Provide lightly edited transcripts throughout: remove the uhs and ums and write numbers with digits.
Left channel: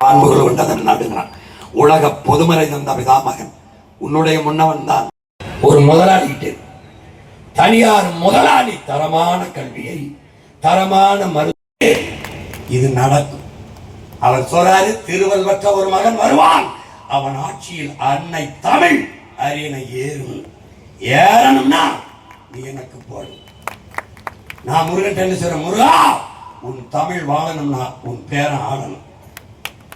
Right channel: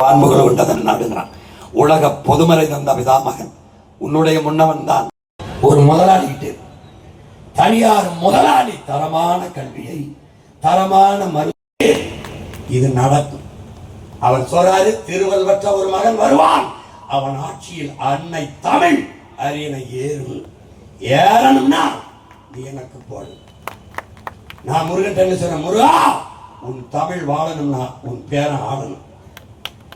வான்முகல் விட்டதன் நடுங்கிறான். உலக பொதுமறை தந்த பிதாமகன் உன்னுடைய முன்னவன் தான். ஒரு முதலாளிட்டு தனியார் முதலாளி தரமான கல்வியை தரமான மருத்துவ இது நடக்கும். அவர் சொல்றாரு, திருவள்ளுவற்ற ஒரு மகன் வருவான், அவன் ஆட்சியில் அன்னை தமிழ் அரியணை ஏறும். ஏறணும்னா நீ எனக்கு போடு. நான் முருகன் என்ன சொல்றேன், முருகா உன் தமிழ் வாழணும்னா உன் பேரை ஆடணும்.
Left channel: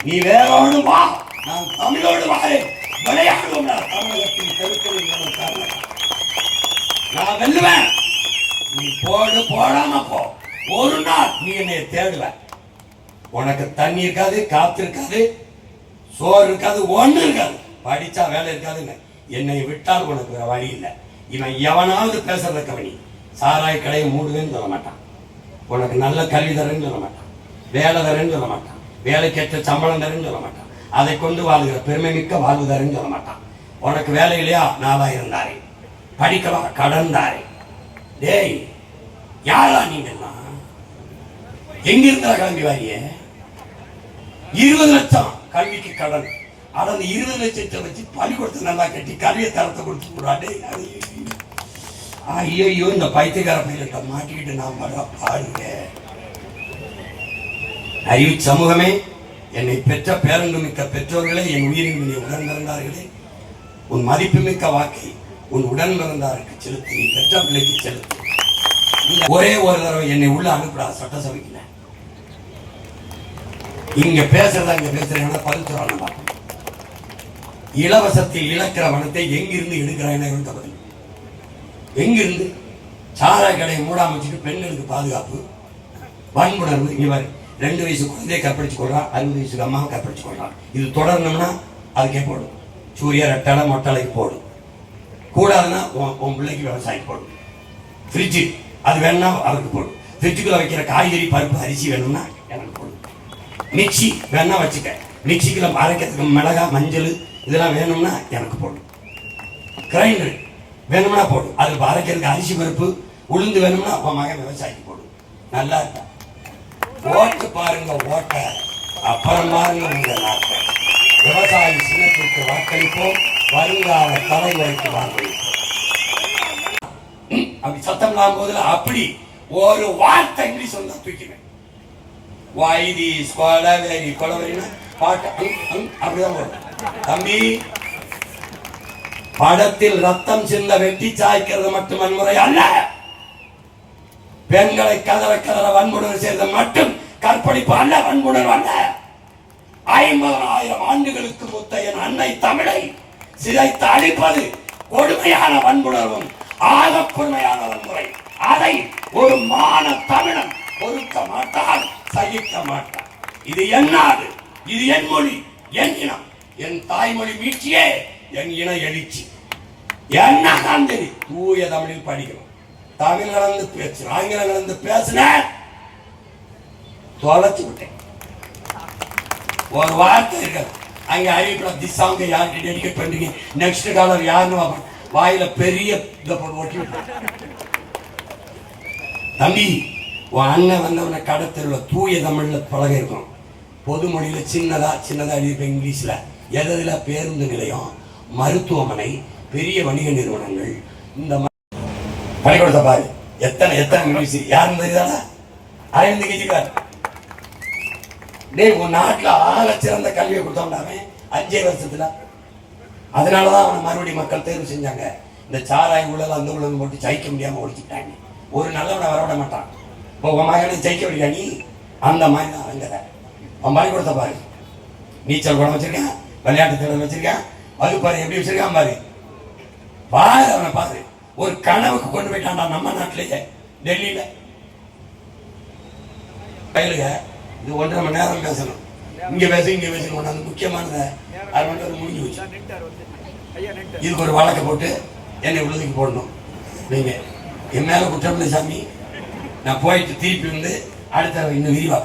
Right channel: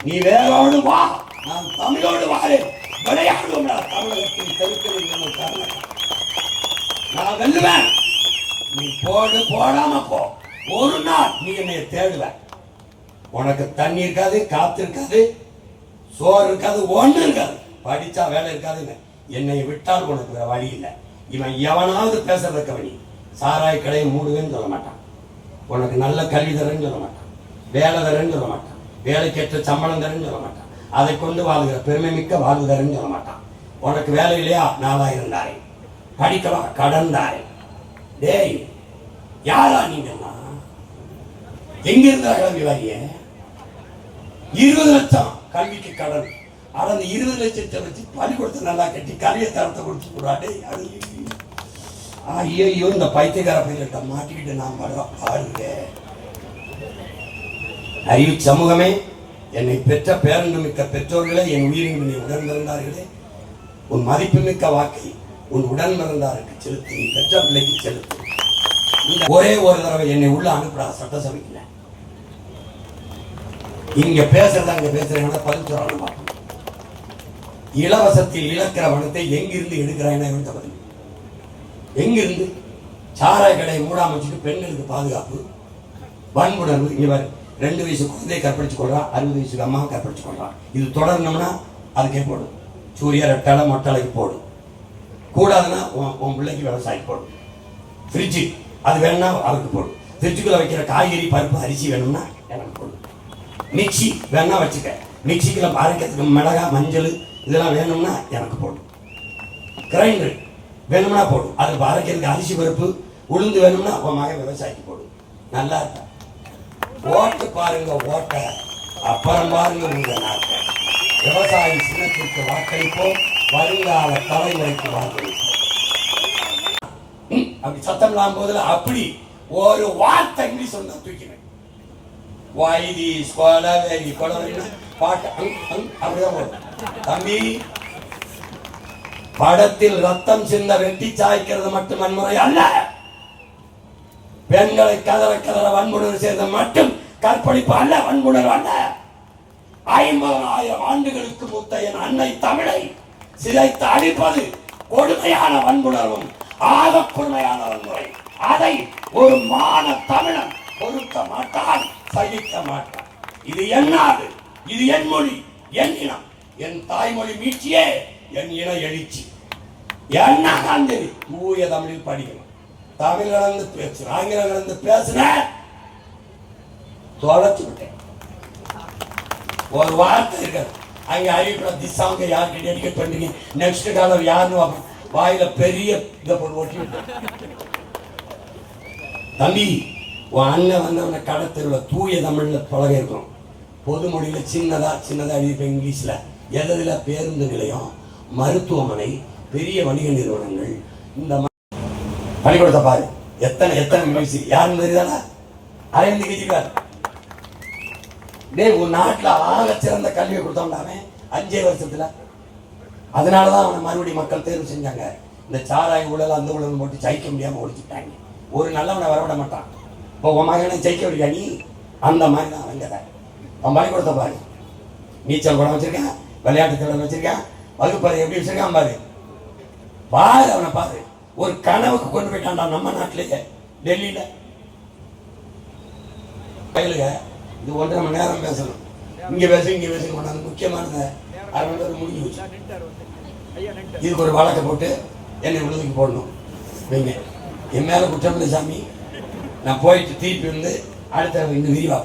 நீ வேறோடு வா, நான் தமிழோடு வாழேன், விளையாடுவோம். தமிழகத்தின் தெருக்களில் நான் வெல்லுவேன். நீ போடு, போடாம போ. ஒரு நாள் நீ என்னை தேடுவ. உனக்கு தண்ணி இருக்காது, காத்து இருக்காது, சோறு இருக்காது, ஒண்ணு இருக்காது, படிச்சா வேலை இருக்காதுன்னு என்னை விட்டால் உனக்கு வேற வழி இல்லை. இவன் எவனாவது பேசுறத கவனி. சாராய கடையை மூடுவேன்னு சொல்ல மாட்டான், உனக்கு நல்ல கல்வி தரேன்னு சொல்ல மாட்டான், வேலை தரேன்னு சொல்ல மாட்டான், வேலைக்கேற்ற சம்பளம் தரேன்னு சொல்ல மாட்டான், அதை கொண்டு வாழ்கிற பெருமை மிக்க வாழ்வு தரேன்னு சொல்ல மாட்டான். உனக்கு வேலை இல்லையா, 4000 தாரே, படிக்கலாம் கடன் தாரே. டேய் யாரா நீங்க? எங்க இருந்தா கிளம்பி வாரிய? 20 லட்சம் கல்விக்கு கடன். ஆனா அந்த 20 லட்சத்தை வச்சு பள்ளிக்கூடத்தை நல்லா கட்டி கல்வியை தரத்தை கொடுத்து போறாடே. ஐயோ இந்த பைத்தியக்கார பையத்தை மாட்டிக்கிட்டு நான் படுற பாருங்க. அறிவு சமூகமே, என்னை பெற்ற பேரன்பு மிக்க பெற்றோர்களே, என் உயிரின் உடன் பிறந்தார்களே, உன் மதிப்பு மிக்க வாக்கை உன் உடன் பிறந்தாருக்கு செலுத்தி, நீ பெற்ற பிள்ளைக்கு செலுத்து. ஒரே ஒரு தடவை என்னை உள்ள அனுப்புறா சட்டசபைக்குள்ள. இங்க பேசுறதா இங்க பேசுறேன்னா பதில் பார்க்கணும். இலவசத்தில் இழக்கிற வனத்தை எங்கிருந்து எடுக்கிறாங்க? எங்கிருந்து? சாராய கடையை மூடாம வச்சுட்டு பெண்களுக்கு பாதுகாப்பு, வன்புணர்வு. இவர் 2 வயசு குழந்தையை கற்பழிச்சு கொள்றான், 60 வயசுக்கு அம்மாவை கற்பழிச்சு கொள்றான். இது தொடரணும்னா அதுக்கே போடும். சூரிய ரெட்டலை மொட்டலைக்கு போடும். கூடாதுன்னா உன் பிள்ளைக்கு விவசாயம் போடும். ஃப்ரிட்ஜு அது வேணும்னா அவருக்கு போடும். ஃப்ரிட்ஜுக்குள்ள வைக்கிற காய்கறி பருப்பு அரிசி வேணும்னா எனக்கு போடும். மிக்சி வேணா வச்சுக்க, மிக்சிக்குள்ள அரைக்கிறதுக்கு மிளகா மஞ்சள் இதெல்லாம் வேணும்னா எனக்கு போடும். கிரைண்டர் வேணும்னா போடும், அதுக்கு அரைக்கிறதுக்கு அரிசி பருப்பு உளுந்து வேணும்னா உன் மகன் விவசாயிக்கு போடும். நல்லா இருக்கா? ஓட்டு பாருங்க, ஓட்ட அப்புறம் பாருங்க உங்க நாட்டை. விவசாயி சின்னத்திற்கு வாக்களிப்போம், வருங்கால தலைமுறைக்கு வாக்களிப்போம். அப்படி சத்தம் இல்லாம போதுல அப்படி ஒரு வார்த்தை இங்கிலீஷ் வந்து தூக்கினேன். வைதி கொலவெறி கொலவெறினா பாட்டு அப்படிதான் போடும். தம்பி, படத்தில் ரத்தம் சிந்த வெட்டி சாய்க்கிறது மட்டும் வன்முறை அல்ல. பெண்களை கதற கதற வன்புணர்வு செய்த மட்டும் கற்பழிப்பு அல்ல, வன்புணர்வு அல்ல. 50,000 ஆண்டுகளுக்கு முத்தைய அன்னை தமிழை சிதைத்து அழிப்பது கொடுமையான வன்புணர்வும் ஆக கொடுமையான வன்முறை. அதை ஒரு மான தமிழன் பொறுக்க மாட்டான், சகிக்க மாட்டான். இது என்னாது, இது என் மொழி, என் இனம், என் தாய்மொழி மீட்சியே என் இன எழுச்சி. என்ன காந்தி தூய தமிழில் படிக்கணும். தமிழ் கலந்து பேசு, ஆங்கிலம் கலந்து பேசுன தொலைச்சு விட்டேன். ஒரு வார்த்தை இருக்காது அங்க அறிவிப்பட திசாங்க யாருக்கு டெடிகேட் பண்றீங்க, நெக்ஸ்ட் காலர் யாருன்னு வாயில பெரிய ஒட்டி விட்டேன். தம்பி, உன் அண்ணன் வந்தவன கடத்தெருவில் தூய தமிழ்ல பழக இருக்கணும். பொது மொழியில சின்னதா எழுதியிருப்பேன். இங்கிலீஷ்ல எதுல பேருந்து நிலையம், மருத்துவமனை, பெரிய வணிக நிறுவனங்கள், இந்த பள்ளிக்கூடத்தை பாரு எத்தனை இங்கிலீஷ். யாருன்னு தெரியுதாடா? அரவிந்த் கெஜ்ரிவால். டேய், உன் நாட்டில் ஆக சிறந்த கல்வியை கொடுத்தவன்டாவே 5 வருஷத்துல. அதனாலதான் அவனை மறுபடியும் மக்கள் தேர்வு செஞ்சாங்க. இந்த சாராய ஊழல் அந்த ஊழல் போட்டு ஜெயிக்க முடியாம ஒழிச்சுட்டாங்க. ஒரு நல்லவனை வரவிட மாட்டான். இப்போ உன் மகனை ஜெயிக்க விடியா நீ? அந்த மாதிரி தான் அங்கே அவன் பள்ளிக்கூடத்தை பாரு. நீச்சல் குடம் வச்சிருக்கான், விளையாட்டு திறன் வச்சிருக்கான், வகுப்பாரு எப்படி வச்சிருக்கான் பாரு. பாரு அவனை பாரு. ஒரு கனவுக்கு கொண்டு போயிட்டான்டா நம்ம நாட்டிலேயே, டெல்லியில. கையிலுங்க இது 1.5 மணி நேரம் பேசணும். இங்க பேசணும் கொண்டாந்து முக்கியமானதை 1/2 மணி நேரம் முடிஞ்சு வச்சு இதுக்கு ஒரு வழக்கை போட்டு என்னை விழுதுக்கு போடணும். நீங்க என் மேல குற்றம் இல்லை சாமி, நான் போயிட்டு திருப்பி வந்து அடுத்த இன்னும் விரிவா